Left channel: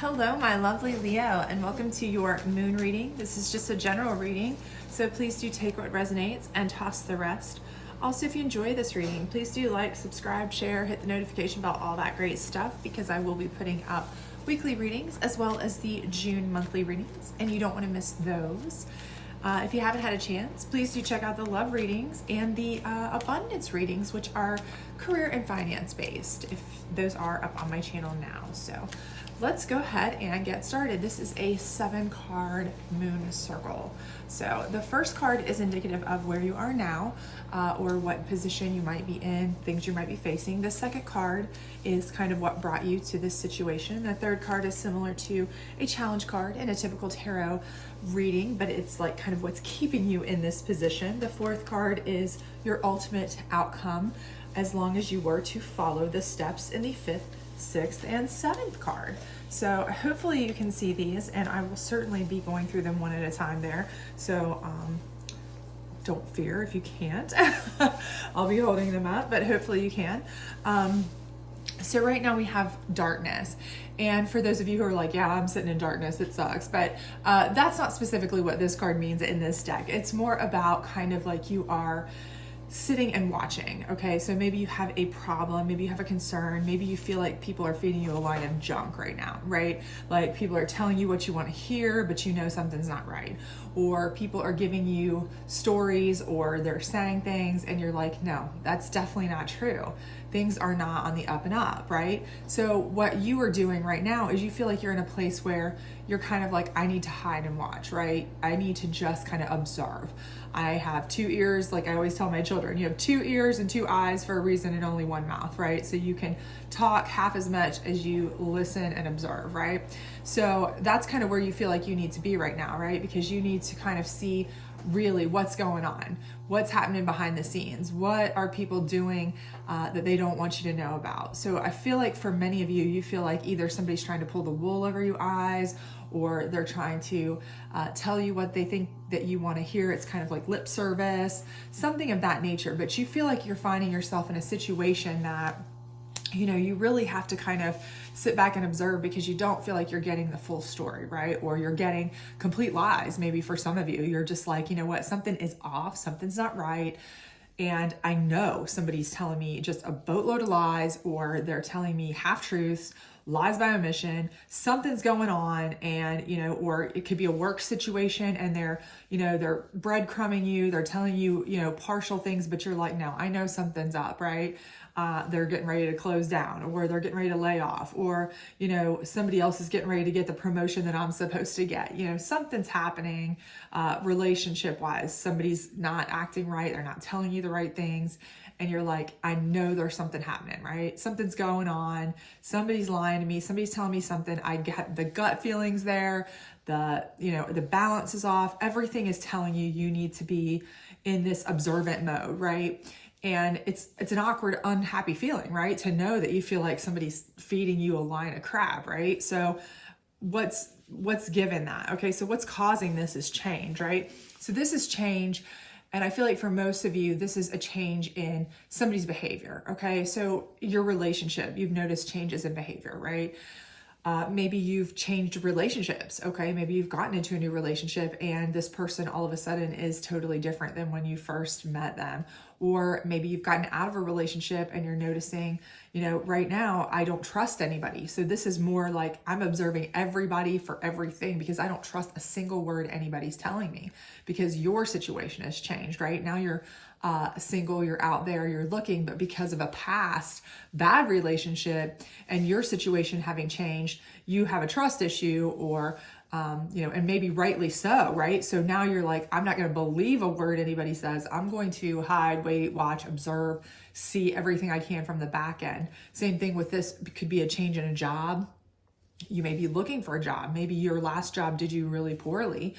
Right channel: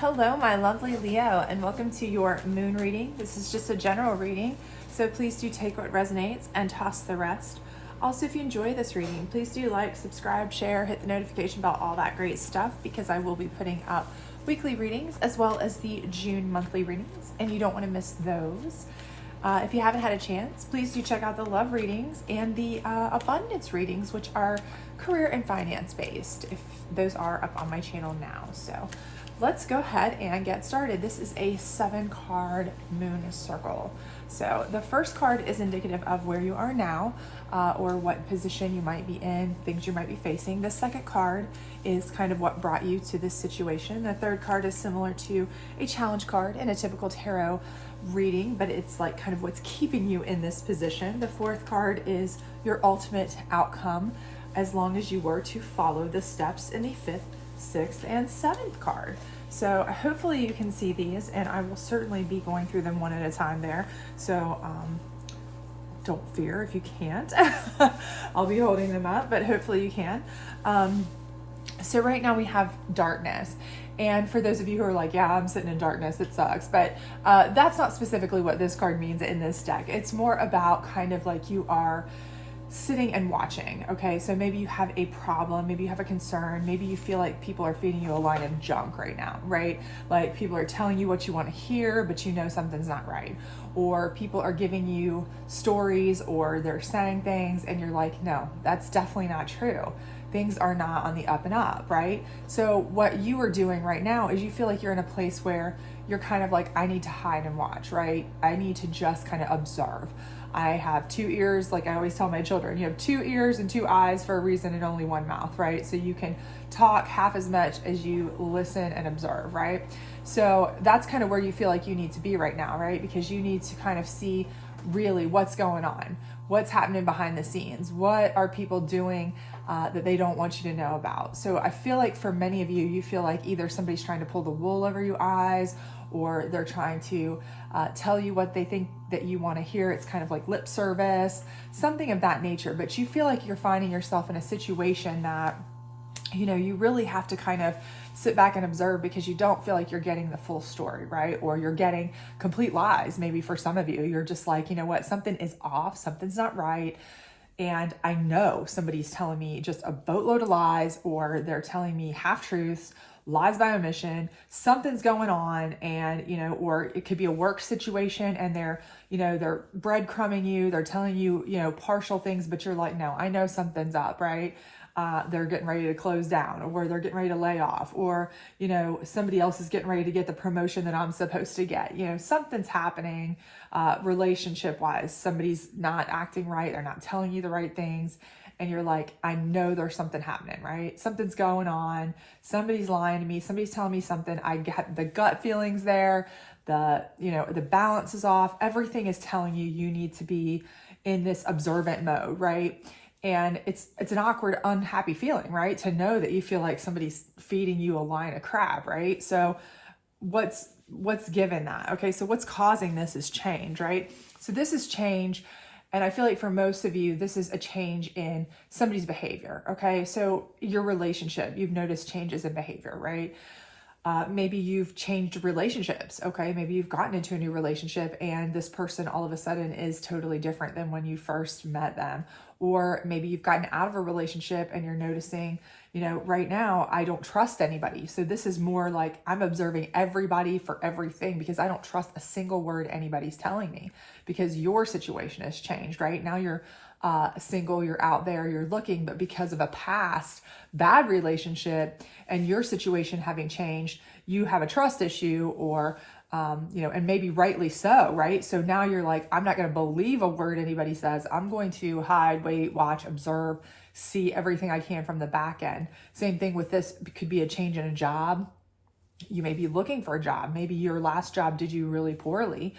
Hello, my lovely Leo, and welcome to your moon reading. This is just a general reading, so please do take what resonates and toss the rest. Also, if you enjoy this reading, please do like, subscribe, share, hit the notification bell, all that great stuff, because I will be putting up weekly readings as well as the June monthly readings, and you don't want to miss those. If you haven't had a chance, please do check out the love readings and the abundance readings, which are career and finance based, if those are up on my channel now. So let's go ahead and get started. This is a 7-card moon circle. So the first card is indicative of where you are now, or what position you might be in, things you might be facing. The second card is kind of what brought you to this situation. The third card is similar to a challenge card in a typical tarot reading, but it's like kind of what's keeping you in this position. The fourth card is your ultimate outcome, as long as you were to follow the steps in the fifth, sixth, and seventh card. So hopefully you can see these, and I will certainly be going through them one at a time there. So don't fear if you can't. I'll be holding them up, but hopefully you can. So right now we have darkness. And for those of you who are like, yeah, I'm sitting in darkness, it sucks. But that's not specifically what this card means in this deck. It's more about kind of like you are sitting and watching. Okay, so maybe you have a problem, maybe you have a concern, maybe you feel like people are feeding you a line of junk right now, right? Like people are telling you what you want to hear, but you know something's not right. Or people are giving you stories, or they're saying things and you're like, no, that's definitely not true. Things are not on the up and up, right? So what you are doing right now is you feel like you're in a place where you're kind of like, I need to hide and watch, right? I need to just kind of observe. I have 2 ears, like I always tell my children, you have 2 ears and 2 eyes for a reason and only 1 mouth, right? So you can talk half as much as you listen and observe, right? So that's kind of where you feel like you need to be right now, right? Because you need to kind of see really what's going on, what's happening behind the scenes, what are people doing that they don't want you to know about. So I feel like for many of you, you feel like either somebody's trying to pull the wool over your eyes, or they're trying to tell you what they think that you want to hear. It's kind of like lip service, something of that nature. But you feel like you're finding yourself in a situation that, you know, you really have to kind of sit back and observe, because you don't feel like you're getting the full story, right? Or you're getting complete lies. Maybe for some of you, you're just like, you know what, something is off, something's not right. And I know somebody's telling me just a boatload of lies, or they're telling me half truths, lies by omission, something's going on. And, you know, or it could be a work situation and they're, you know, they're breadcrumbing you, they're telling you, you know, partial things, but you're like, no, I know something's up, right? They're getting ready to close down, or they're getting ready to lay off, or, you know, somebody else is getting ready to get the promotion that I'm supposed to get. You know, something's happening relationship wise. Somebody's not acting right. They're not telling you the right things. And you're like, I know there's something happening, right? Something's going on. Somebody's lying to me. Somebody's telling me something. I get the gut feelings there. You know, the balance is off. Everything is telling you you need to be in this observant mode, right? And it's an awkward, unhappy feeling, right? To know that you feel like somebody's feeding you a line of crap, right? So what's given that? Okay, so what's causing this is change, right? So this is change. And I feel like for most of you, this is a change in somebody's behavior, okay? So your relationship, you've noticed changes in behavior, right? Maybe you've changed relationships, okay? Maybe you've gotten into a new relationship and this person all of a sudden is totally different than when you first met them. Or maybe you've gotten out of a relationship and you're noticing, you know, right now, I don't trust anybody. So this is more like I'm observing everybody for everything, because I don't trust a single word anybody's telling me, because your situation has changed, right? Now you're single, you're out there, you're looking, but because of a past bad relationship and your situation having changed, you have a trust issue, or you know, and maybe rightly so, right? So now you're like, I'm not going to believe a word anybody says. I'm going to hide, wait, watch, observe, see everything I can from the back end. Same thing with this. It could be a change in a job. You may be looking for a job. Maybe your last job did you really poorly.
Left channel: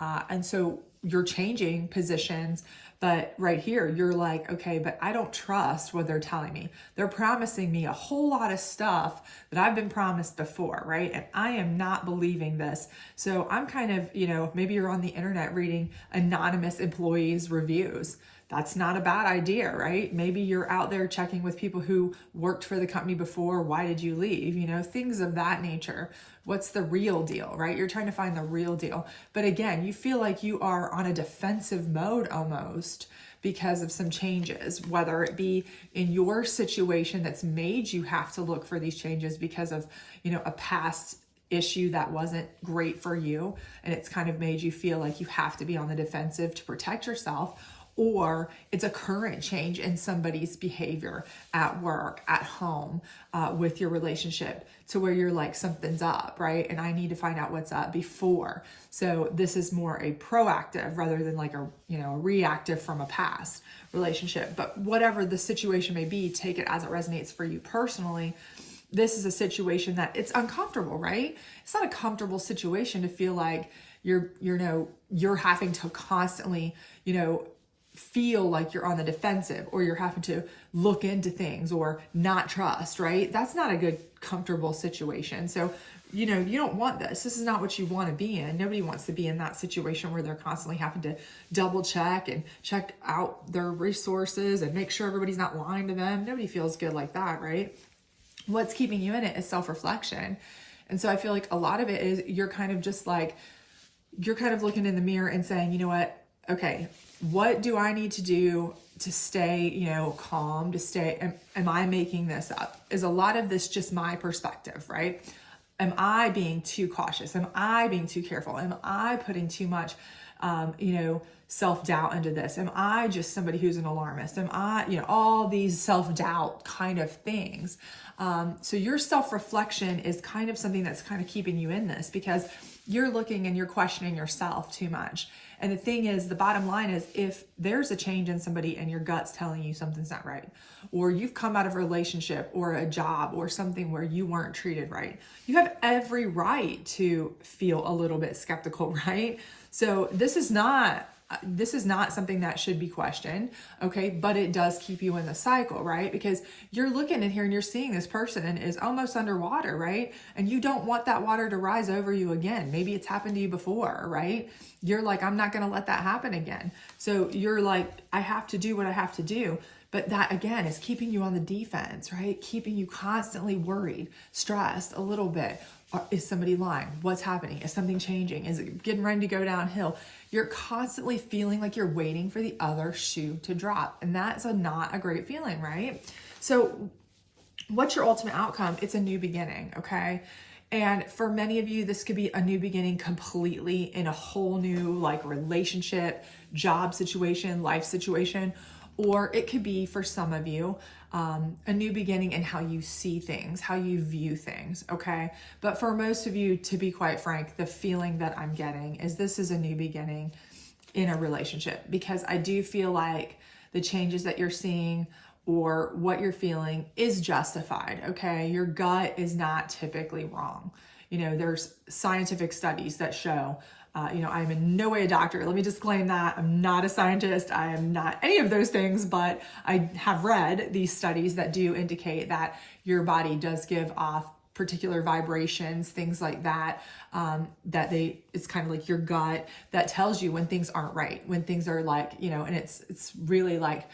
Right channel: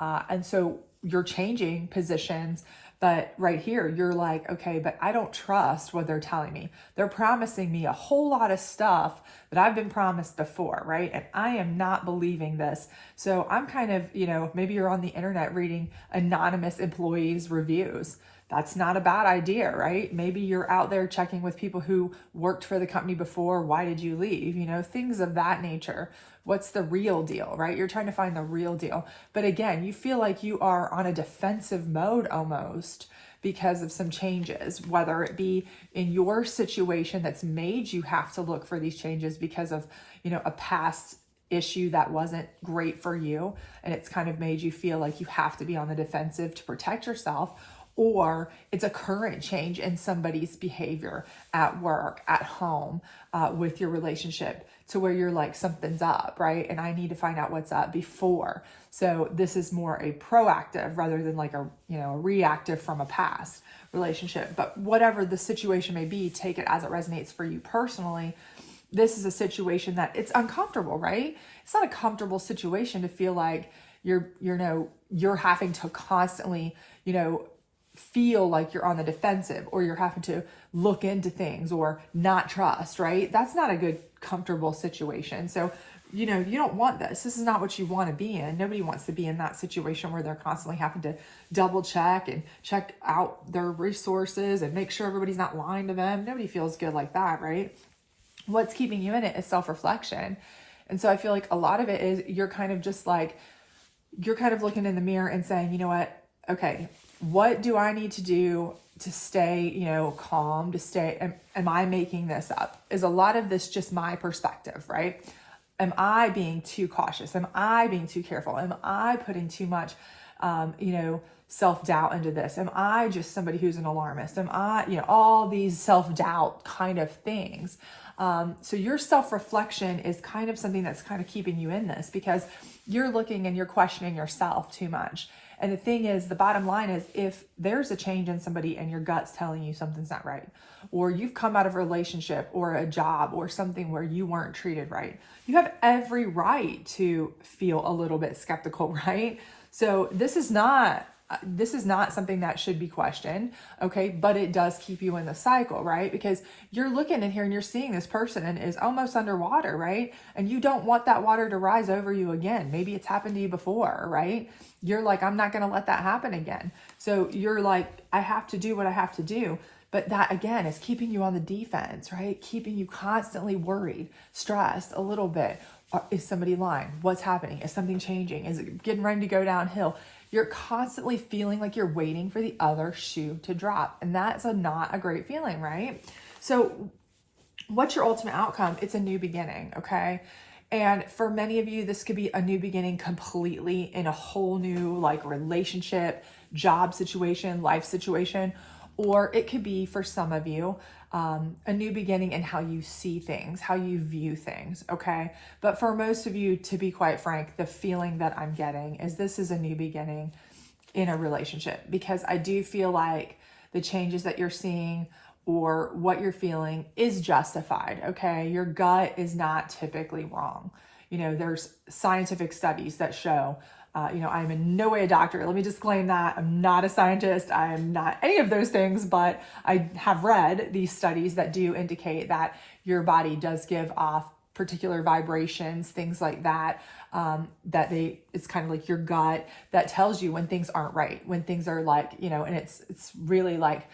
And so you're changing positions. But right here, you're like, okay, but I don't trust what they're telling me. They're promising me a whole lot of stuff that I've been promised before, right? And I am not believing this. So I'm kind of, you know, maybe you're on the internet reading anonymous employees' reviews. that's not a bad idea, right? Maybe you're out there checking with people who worked for the company before. Why did you leave? You know, things of that nature. What's the real deal, right? You're trying to find the real deal. But again, you feel like you are on a defensive mode almost because of some changes, whether it be in your situation that's made you have to look for these changes because of, you know, a past issue that wasn't great for you, and it's kind of made you feel like you have to be on the defensive to protect yourself, or it's a current change in somebody's behavior at work, at home, with your relationship, to where you're like, something's up, right? And I need to find out what's up before. So this is more a proactive rather than like a, you know, a reactive from a past relationship. But whatever the situation may be, take it as it resonates for you personally. This is a situation that it's uncomfortable, right? It's not a comfortable situation to feel like you're having to constantly, you know, feel like you're on the defensive, or you're having to look into things or not trust, right? That's not a good, comfortable situation. So, you know, you don't want this. This is not what you want to be in. Nobody wants to be in that situation where they're constantly having to double check and check out their resources and make sure everybody's not lying to them. Nobody feels good like that, right? What's keeping you in it is self-reflection. And so I feel like a lot of it is you're kind of just like, you're kind of looking in the mirror and saying, you know what, okay, what do I need to do to stay, you know, calm, to stay, am I making this up? Is a lot of this just my perspective, right? Am I being too cautious? Am I being too careful? Am I putting too much, you know, self-doubt into this? Am I just somebody who's an alarmist? Am I, you know, all these self-doubt kind of things. So your self-reflection is kind of something that's kind of keeping you in this, because you're looking and you're questioning yourself too much. And the thing is, the bottom line is, if there's a change in somebody and your gut's telling you something's not right, or you've come out of a relationship or a job or something where you weren't treated right, you have every right to feel a little bit skeptical, right? So this is not something that should be questioned, okay? But it does keep you in the cycle, right? Because you're looking in here and you're seeing this person and is almost underwater, right? And you don't want that water to rise over you again. Maybe it's happened to you before, right? You're like, I'm not going to let that happen again. So you're like, I have to do what I have to do. But that, again, is keeping you on the defense, right? Keeping you constantly worried, stressed a little bit. Is somebody lying? What's happening? Is something changing? Is it getting ready to go downhill? You're constantly feeling like you're waiting for the other shoe to drop. And that's not a great feeling, right? So what's your ultimate outcome? It's a new beginning, okay? And for many of you, this could be a new beginning completely in a whole new like relationship, job situation, life situation. Or it could be, for some of you, a new beginning in how you see things, how you view things, okay? But for most of you, to be quite frank, the feeling that I'm getting is this is a new beginning in a relationship, because I do feel like the changes that you're seeing or what you're feeling is justified, okay? Your gut is not typically wrong. You know, there's scientific studies that show, you know, I'm in no way a doctor. Let me disclaim that. I'm not a scientist. I am not any of those things, but I have read these studies that do indicate that your body does give off particular vibrations, things like that, it's kind of like your gut that tells you when things aren't right, when things are like, you know, and it's really like,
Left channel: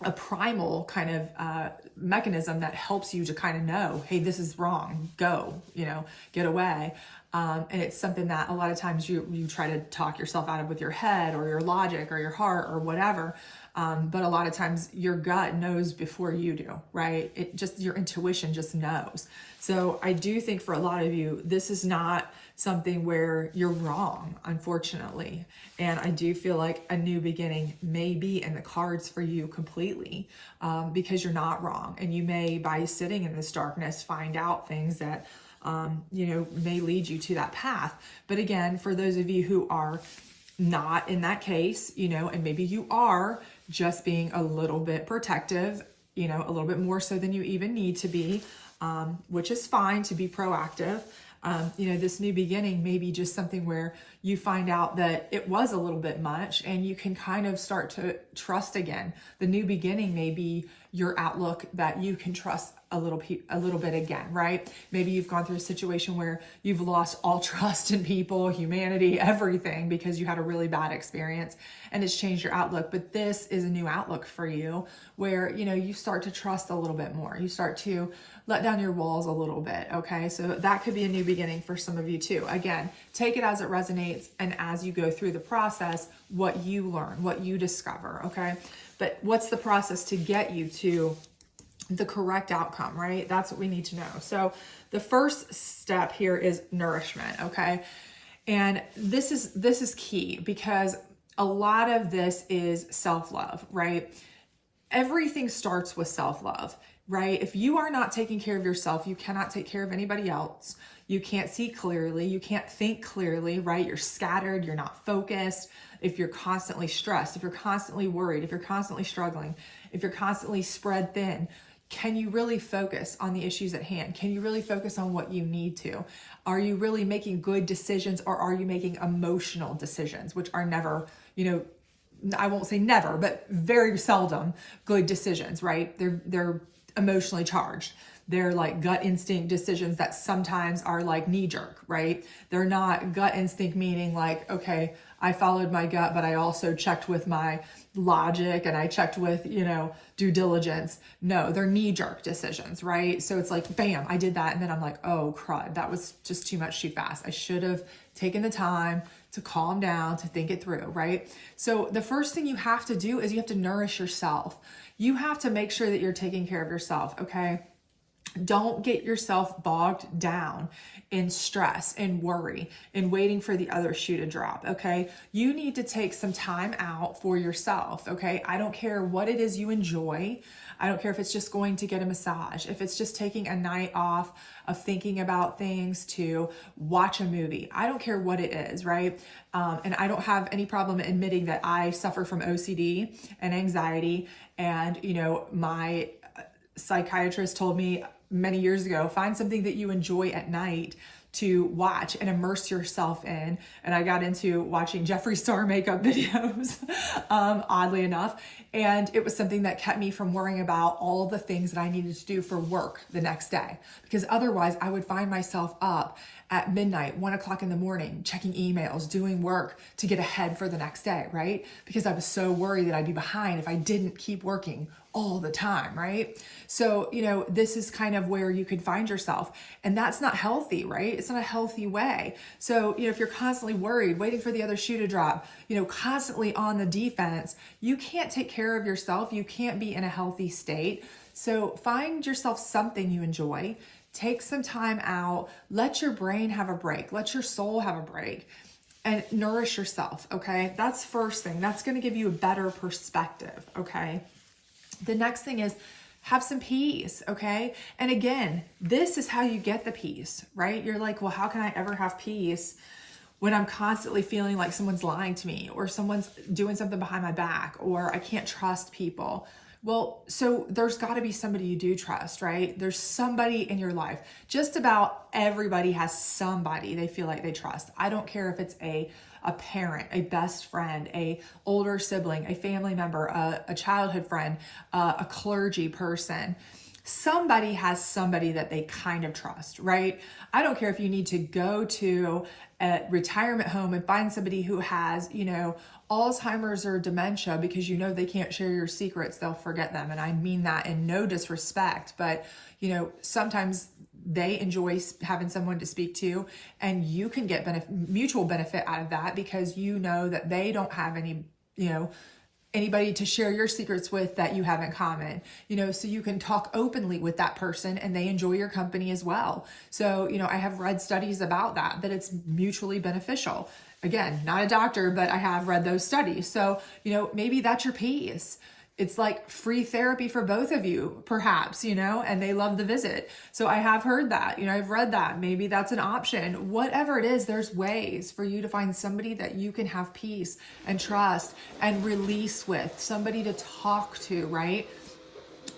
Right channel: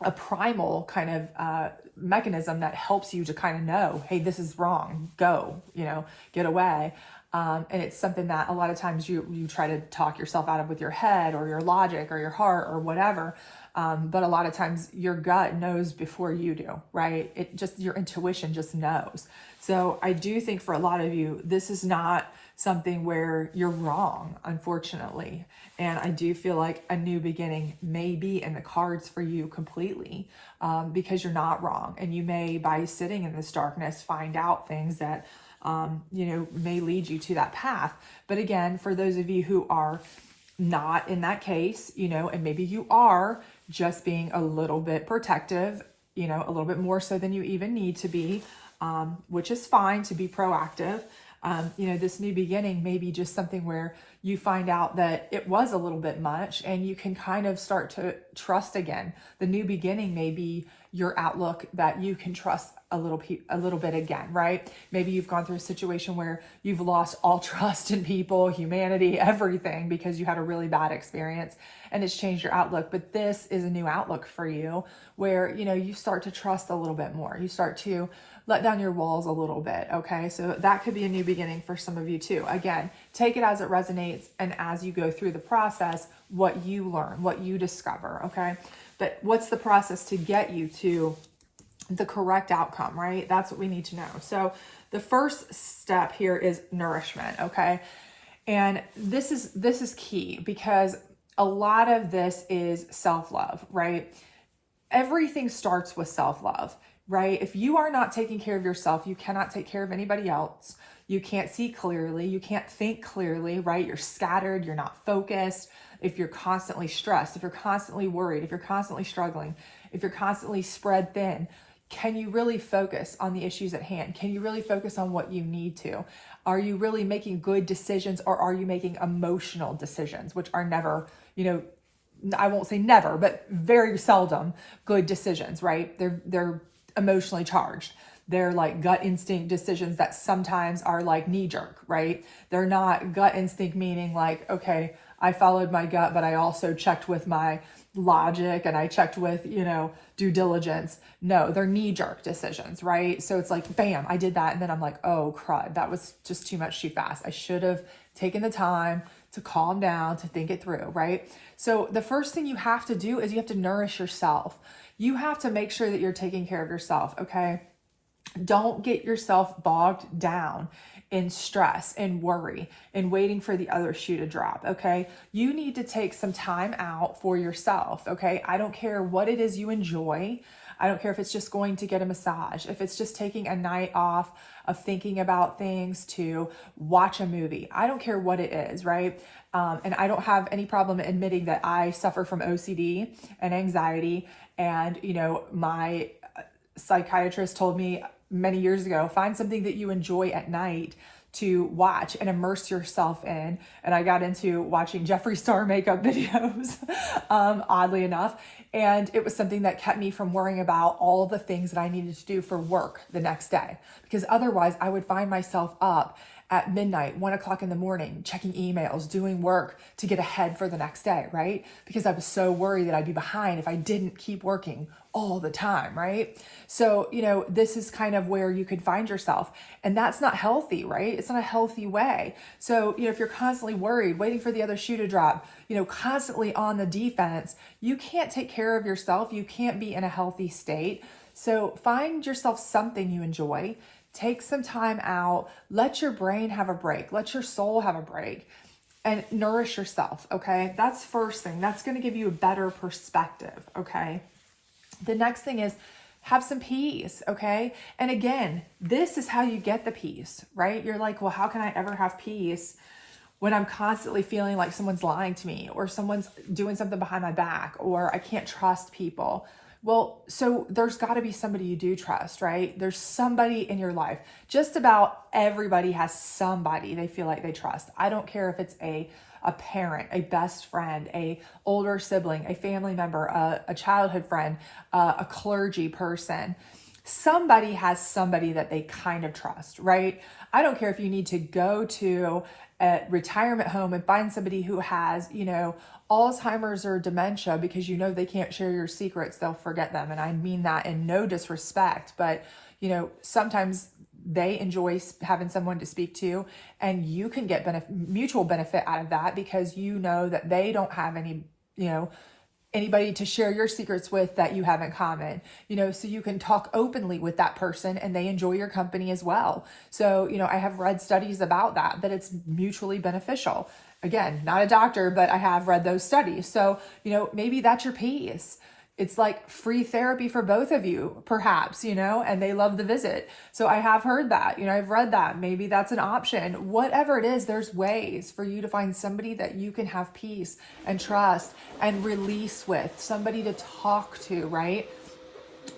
a primal kind of mechanism that helps you to kind of know, hey, this is wrong, go, you know, get away. And it's something that a lot of times you try to talk yourself out of with your head or your logic or your heart or whatever. But a lot of times your gut knows before you do, right? It just, your intuition just knows. So I do think for a lot of you, this is not something where you're wrong, unfortunately. And I do feel like a new beginning may be in the cards for you completely, because you're not wrong. And you may, by sitting in this darkness, find out things that, you know, may lead you to that path. But again, for those of you who are not in that case, you know, and maybe you are just being a little bit protective, you know, a little bit more so than you even need to be, which is fine to be proactive. You know, this new beginning may be just something where you find out that it was a little bit much, and you can kind of start to trust again. The new beginning may be your outlook that you can trust a little bit again, right? Maybe you've gone through a situation where you've lost all trust in people, humanity, everything, because you had a really bad experience and it's changed your outlook. But this is a new outlook for you where, you start to trust a little bit more. You start to let down your walls a little bit. Okay. So that could be a new beginning for some of you too. Again, take it as it resonates. And as you go through the process, what you learn, what you discover. Okay. But what's the process to get you to the correct outcome, right? That's what we need to know. So the first step here is nourishment, okay? And this is key, because a lot of this is self-love, right? Everything starts with self-love, right? If you are not taking care of yourself, you cannot take care of anybody else. You can't see clearly. You can't think clearly, right? You're scattered. You're not focused. If you're constantly stressed, if you're constantly worried, if you're constantly struggling, if you're constantly spread thin, can you really focus on the issues at hand? Can you really focus on what you need to? Are you really making good decisions, or are you making emotional decisions, which are never, I won't say never, but very seldom good decisions, right? They're emotionally charged. They're like gut instinct decisions that sometimes are like knee jerk, right? They're not gut instinct meaning like, okay, I followed my gut, but I also checked with my logic and I checked with, due diligence. No, they're knee jerk decisions, right? So it's like, bam, I did that. And then I'm like, oh crud, that was just too much too fast. I should have taken the time to calm down, to think it through, right? So the first thing you have to do is you have to nourish yourself. You have to make sure that you're taking care of yourself, okay? Don't get yourself bogged down in stress and worry and waiting for the other shoe to drop, okay? You need to take some time out for yourself, okay? I don't care what it is you enjoy. I don't care if it's just going to get a massage, if it's just taking a night off of thinking about things to watch a movie. I don't care what it is, right? And I don't have any problem admitting that I suffer from OCD and anxiety. And, my psychiatrist told me many years ago, find something that you enjoy at night to watch and immerse yourself in. And I got into watching Jeffree Star makeup videos, oddly enough. And it was something that kept me from worrying about all the things that I needed to do for work the next day. Because otherwise I would find myself up at midnight, 1 o'clock in the morning, checking emails, doing work to get ahead for the next day, right? Because I was so worried that I'd be behind if I didn't keep working all the time, right? So, this is kind of where you could find yourself, and that's not healthy, right? It's not a healthy way. So, if you're constantly worried, waiting for the other shoe to drop, constantly on the defense, you can't take care of yourself. You can't be in a healthy state. So find yourself something you enjoy. Take some time out, let your brain have a break, let your soul have a break, and nourish yourself, okay? That's first thing. That's going to give you a better perspective, okay? The next thing is have some peace, okay? And again, this is how you get the peace, right? You're like, well, how can I ever have peace when I'm constantly feeling like someone's lying to me, or someone's doing something behind my back, or I can't trust people? Well, so there's got to be somebody you do trust, right? There's somebody in your life. Just about everybody has somebody they feel like they trust. I don't care if it's a parent, a best friend, a older sibling, a family member, a childhood friend, a clergy person. Somebody has somebody that they kind of trust, right? I don't care if you need to go to a retirement home and find somebody who has, Alzheimer's or dementia, because they can't share your secrets, they'll forget them. And I mean that in no disrespect, but sometimes they enjoy having someone to speak to, and you can get mutual benefit out of that, because that they don't have any, anybody to share your secrets with that you have in common, so you can talk openly with that person and they enjoy your company as well. So, I have read studies about that it's mutually beneficial. Again, not a doctor, but I have read those studies. So, maybe that's your peace. It's like free therapy for both of you, perhaps, and they love the visit. So I have heard that, I've read that. Maybe that's an option. Whatever it is, there's ways for you to find somebody that you can have peace and trust and release with, somebody to talk to, right?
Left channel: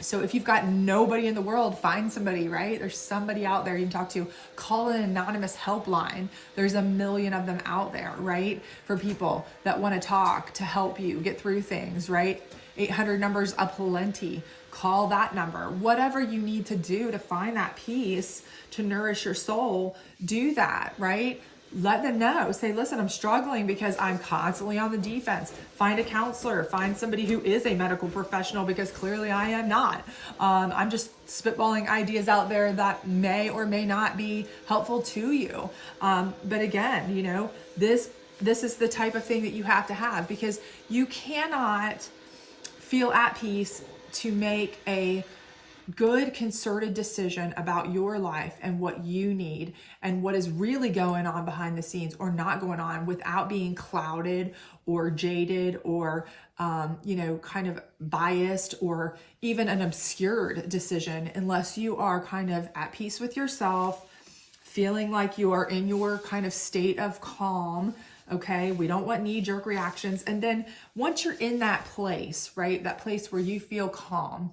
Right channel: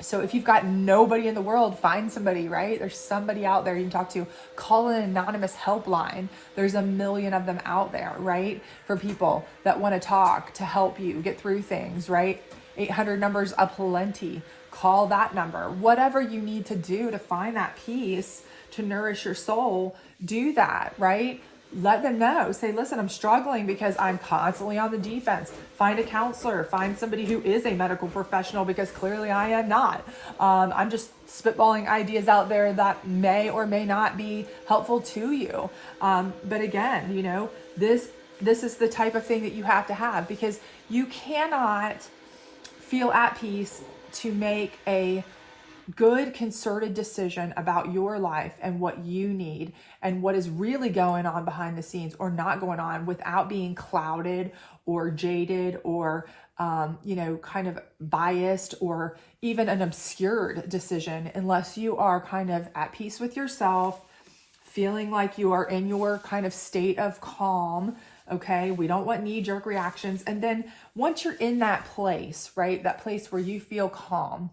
So if you've got nobody in the world, find somebody, right? There's somebody out there you can talk to. Call an anonymous helpline. There's a million of them out there, right? For people that want to talk, to help you get through things, right? 800 numbers aplenty. Call that number. Whatever you need to do to find that peace, to nourish your soul, do that, right? Let them know. Say, listen, I'm struggling because I'm constantly on the defense. Find a counselor. Find somebody who is a medical professional, because clearly I am not. I'm just spitballing ideas out there that may or may not be helpful to you. But again, you know, this is the type of thing that you have to have, because you cannot feel at peace to make a good concerted decision about your life and what you need and what is really going on behind the scenes or not going on, without being clouded or jaded or kind of biased or even an obscured decision, unless you are kind of at peace with yourself, feeling like you are in your kind of state of calm. Okay, we don't want knee-jerk reactions. And then once you're in that place, right, that place where you feel calm,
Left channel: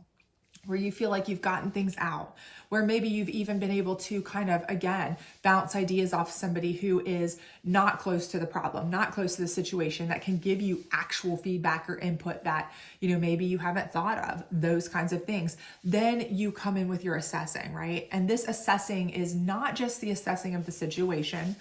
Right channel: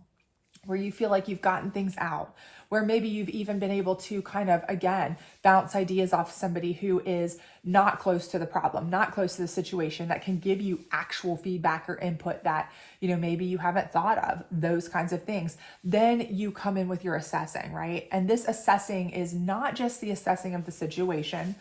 where you feel like you've gotten things out, where maybe you've even been able to kind of, again, bounce ideas off somebody who is not close to the problem, not close to the situation, that can give you actual feedback or input that, you know, maybe you haven't thought of, those kinds of things. Then you come in with your assessing, right? And this assessing is not just the assessing of the situation.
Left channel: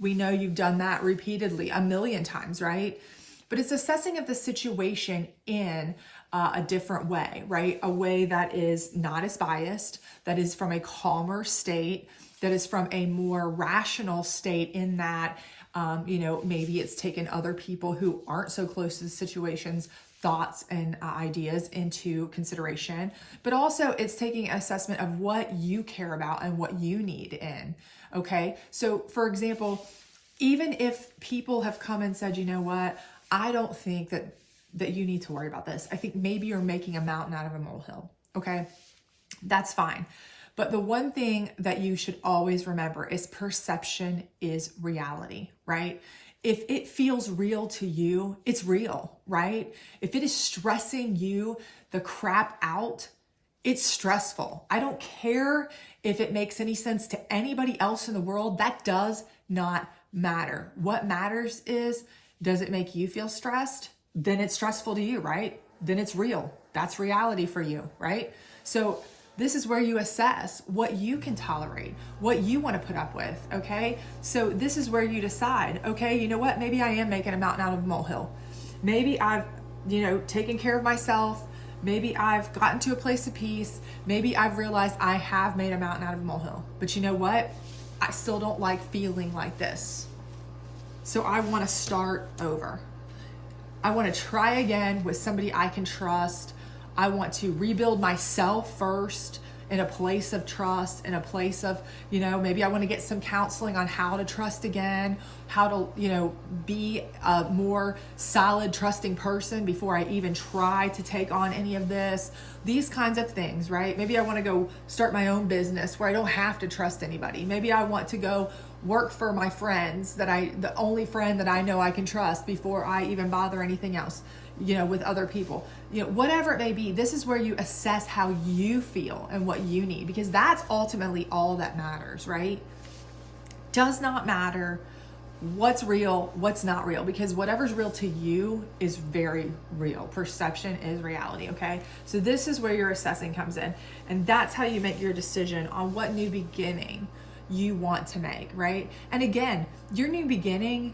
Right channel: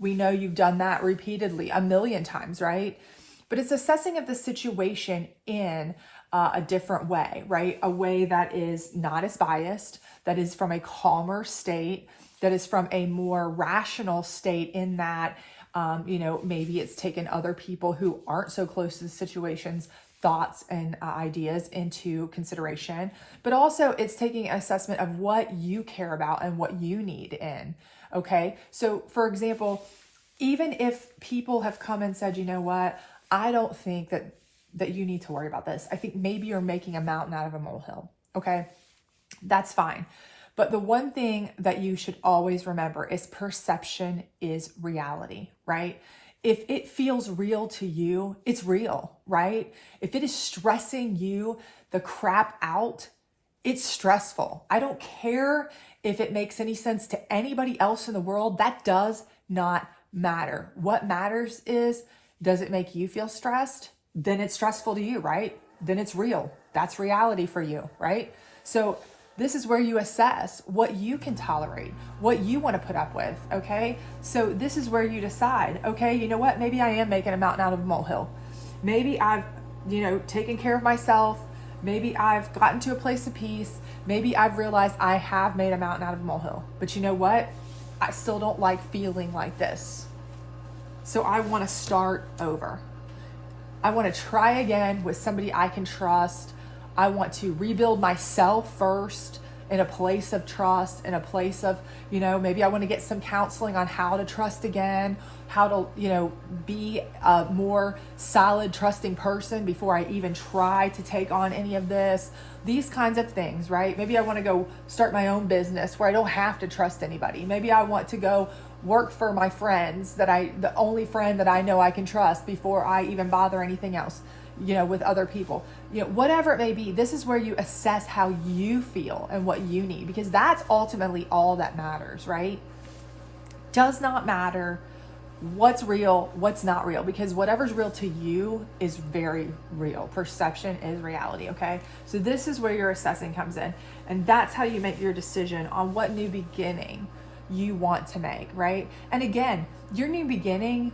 We know you've done that repeatedly, a million times, right? But it's assessing of the situation in a different way, right? A way that is not as biased, that is from a calmer state, that is from a more rational state, in that, maybe it's taken other people who aren't so close to the situation's thoughts and ideas into consideration, but also it's taking an assessment of what you care about and what you need in. Okay. So for example, even if people have come and said, you know what, I don't think that you need to worry about this. I think maybe you're making a mountain out of a molehill. Okay. That's fine. But the one thing that you should always remember is perception is reality, right? If it feels real to you, it's real, right? If it is stressing you the crap out, it's stressful. I don't care if it makes any sense to anybody else in the world. That does not matter. What matters is, does it make you feel stressed? Then it's stressful to you, right? Then it's real. That's reality for you, right? So this is where you assess what you can tolerate, what you want to put up with, okay? So this is where you decide, okay, you know what? Maybe I am making a mountain out of a molehill. Maybe I've, taken care of myself. Maybe I've gotten to a place of peace. Maybe I've realized I have made a mountain out of a molehill. But you know what? I still don't like feeling like this. So I want to start over. I want to try again with somebody I can trust. I want to rebuild myself first in a place of trust, in a place of, maybe I want to get some counseling on how to trust again, how to, be a more solid, trusting person before I even try to take on any of this. These kinds of things, right? Maybe I want to go start my own business where I don't have to trust anybody. Maybe I want to go work for my friends, the only friend that I know I can trust before I even bother anything else, with other people, whatever it may be. This is where you assess how you feel and what you need, because that's ultimately all that matters, right? Does not matter what's real, what's not real, because whatever's real to you is very real. Perception is reality. Okay. So this is where your assessing comes in, and that's how you make your decision on what new beginning you want to make, right? And again, your new beginning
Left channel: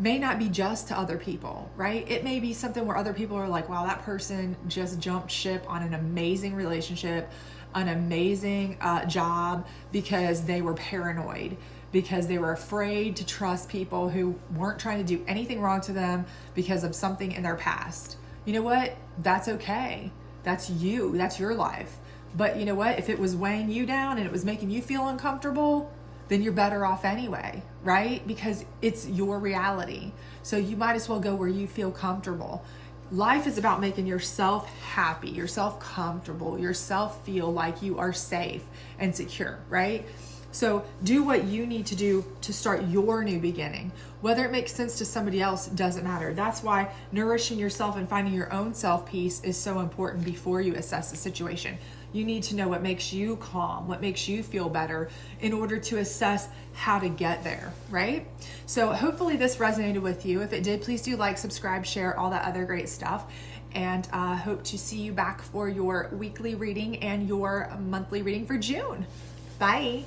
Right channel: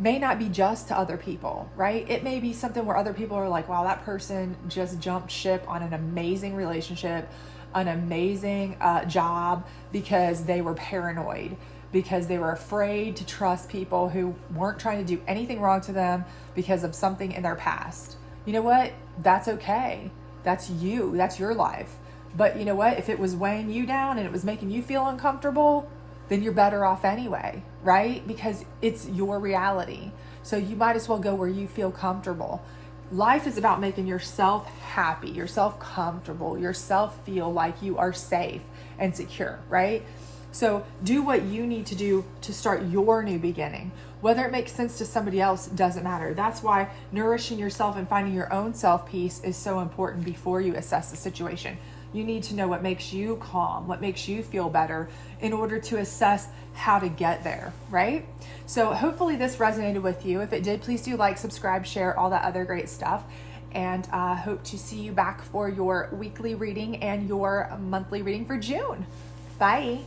may not be just to other people, right? It may be something where other people are like, wow, that person just jumped ship on an amazing relationship, an amazing job, because they were paranoid, because they were afraid to trust people who weren't trying to do anything wrong to them because of something in their past. You know what? That's okay. That's you. That's your life. But you know what? If it was weighing you down and it was making you feel uncomfortable, then you're better off anyway, right? Because it's your reality. So you might as well go where you feel comfortable. Life is about making yourself happy, yourself comfortable, yourself feel like you are safe and secure, right? So do what you need to do to start your new beginning. Whether it makes sense to somebody else doesn't matter. That's why nourishing yourself and finding your own self-peace is so important before you assess the situation. You need to know what makes you calm, what makes you feel better in order to assess how to get there, right? So hopefully this resonated with you. If it did, please do like, subscribe, share, all that other great stuff. And I hope to see you back for your weekly reading and your monthly reading for June. Bye.